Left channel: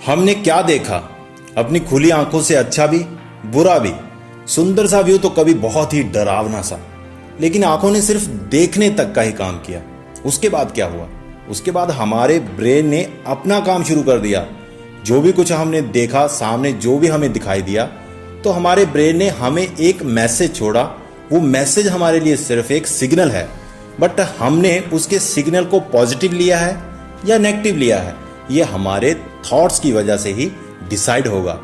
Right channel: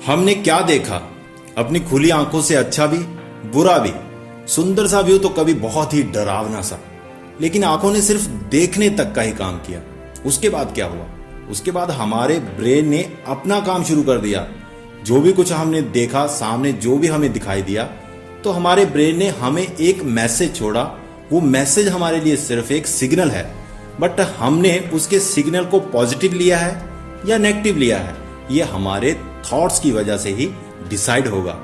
हमने क्या देखा? अपनी खुली आंखों से अच्छा भी बुरा भी, सुंदर सा व्यू तो कभी बहुत ही डरावना सा, लेकिन आंखों ने सिर्फ देखने तक का ही काम किया। उसके बाद क्या हुआ? उसके बाद हमारे ब्रेन ने अपना काम शुरू कर दिया। जो भी कुछ हमने देखा, सामने जो भी हमें दिखाई दिया, तो हमारे ब्रेन ने हमें एक मैसेज छोड़ा। वो मैसेज हमारे लिए सिर्फ एक सिग्नल है, बट हमने उसके सिग्नल को पॉजिटिव लिया है या नेगेटिव लिया है, ये हमारे थॉट्स की वजह से ही डिसाइड होगा।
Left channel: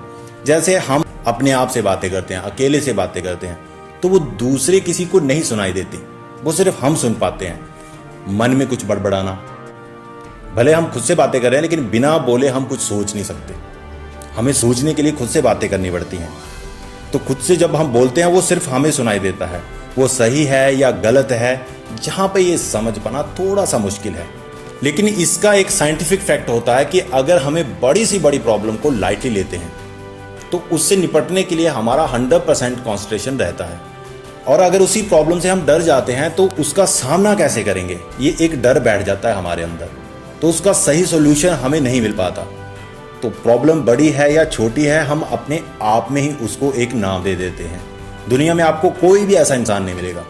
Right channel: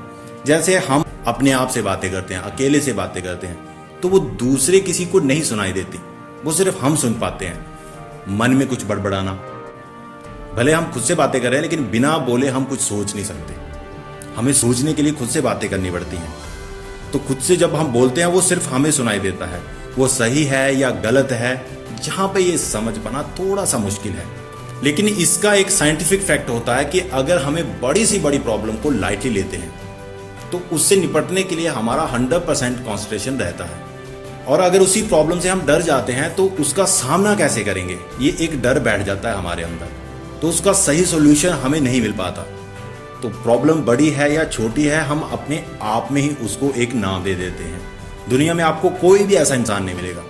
जैसे हम अपने आप से बातें करते हैं, अकेले से बातें करते हैं, तो वो दूसरे किसी को नहीं सुनाई देती, वो सिर्फ हम सुन पाते हैं। मन में कुछ बड़बड़ाना, भले हम खुद से बातें कर रहे हैं, लेकिन बिना बोले हम कुछ सोच नहीं सकते। हमें सोचने के लिए खुद से बातें करनी पड़ती हैं। तो खुद से जब हम बोलते हैं, वो सिर्फ हमें सुनाई देता है। वो सही है या गलत है, जहां पे ये समझ पाना थोड़ा सा मुश्किल है। लेकिन इसका एक साइंटिफिक फैक्ट होता है कि अगर हमें बड़ी सी बड़ी प्रॉब्लम को लाइटली लेते हैं, तो उससे निपटने के लिए हमारा 100% कॉन्सेंट्रेशन रहता है। और अगर उसी प्रॉब्लम से हम डर जाते हैं, तो उसका सामना कैसे करेंगे, ये एक डर बैठ जाता है हमारे अंदर। तो उसका सही सोल्यूशन हमें नहीं मिल पाता। तो प्रॉब्लम बड़ी है या छोटी है, हम अपने आप में ही उसको एक नाम दे देते हैं। दुनिया में आपको कोई भी ऐसा इंसान नहीं मिलेगा,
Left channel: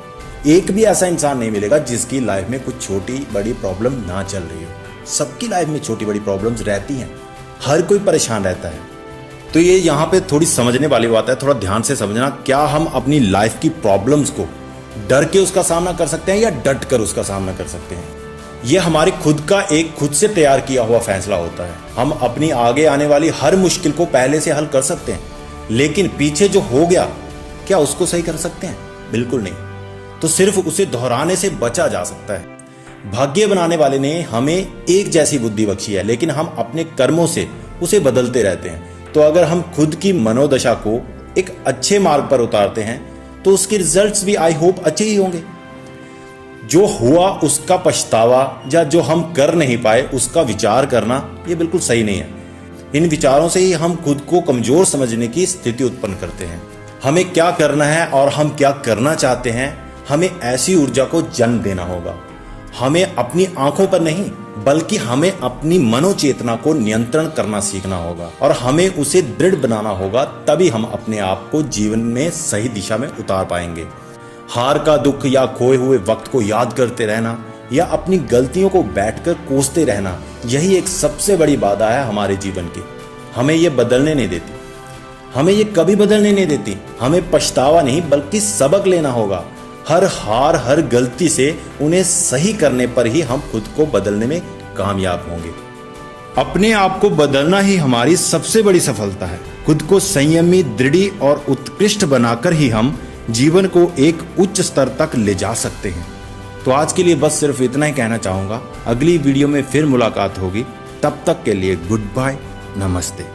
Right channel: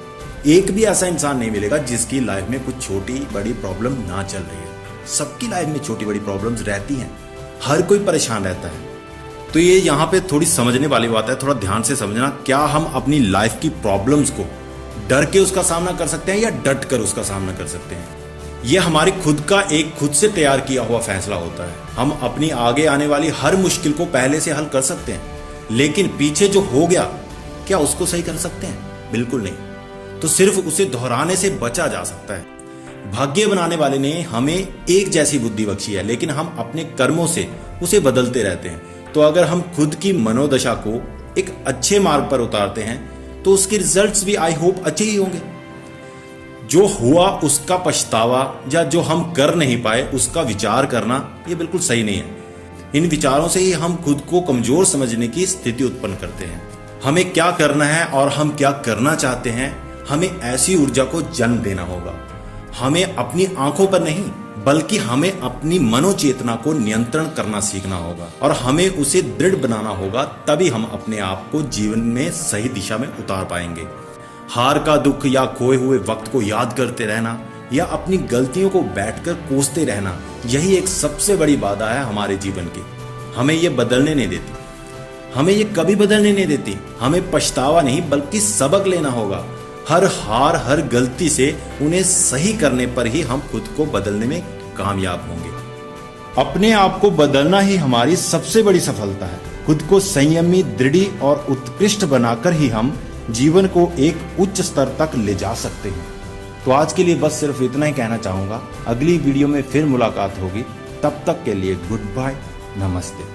एक भी ऐसा इंसान नहीं मिलेगा जिसकी लाइफ में कुछ छोटी बड़ी प्रॉब्लम ना चल रही हो। सबकी लाइफ में छोटी बड़ी प्रॉब्लम्स रहती हैं, हर कोई परेशान रहता है। तो ये यहाँ पे थोड़ी समझने वाली बात है, थोड़ा ध्यान से समझना। क्या हम अपनी लाइफ की प्रॉब्लम्स को डर के उसका सामना कर सकते हैं या डट कर उसका सामना कर सकते हैं? ये हमारे खुद का एक खुद से तैयार किया हुआ फैसला होता है। हम अपनी आगे आने वाली हर मुश्किल को पहले से हल कर सकते हैं, लेकिन पीछे जो हो गया, क्या उसको सही कर सकते हैं? बिल्कुल नहीं। तो सिर्फ उसे दोहराने से बचा जा सकता है। भाग्य बनाने वाले ने हमें एक जैसी बुद्धि बख्शी है, लेकिन हम अपने कर्मों से उसे बदलते रहते हैं। तो अगर हम खुद की मनोदशा को एक अच्छे मार्ग पर उतारते हैं, तो उसके रिजल्ट्स भी आई होप अच्छे ही होंगे। जो हुआ उसका पछतावा या जो हम कर नहीं पाए उसका विचार करना, ये बिल्कुल सही नहीं है। इन विचारों से ही हम खुद को कमजोर समझने की स्थिति उत्पन्न करते हैं। हमें क्या करना है और हम क्या करना चाहते हैं, हमें ऐसी ऊर्जा को जन्म देना होगा। हमें अपनी आंखों पर नहीं, बल्कि हमें अपनी मनोचेतना को नियंत्रण करना सीखना होगा और हमें उसे दृढ़ बनाना होगा। तभी हम अपने आप को जीवन में सही दिशा में उतार पाएंगे। हार का दुख या खोए हुए वक्त को याद करते रहना या अपनी गलतियों को बैठकर कोसते रहना, यही एक सबसे बड़ी बाधा है हमारे जीवन की। हमें ये बदलने नहीं देती, हमें ये कभी बदलने नहीं देती। हमें पछतावा नहीं, बल्कि सबक लेना होगा। हर हार, हर गलती से उन्हें सही करने पर ही हम खुद को बदलने में कामयाब होंगे। अपने आप को बदलना ही हमारी सबसे बड़ी सफलता है। खुद को संयमी, दृढ़ और उत्कृष्ट बनाकर ही हम जीवन को एक उच्च स्तर तक ले जा सकते हैं। तो आज के लिए बस सिर्फ इतना ही कहना चाहूंगा। अगली वीडियो में फिर मुलाकात होगी। तब तक के लिए गुड बाय, नमस्ते।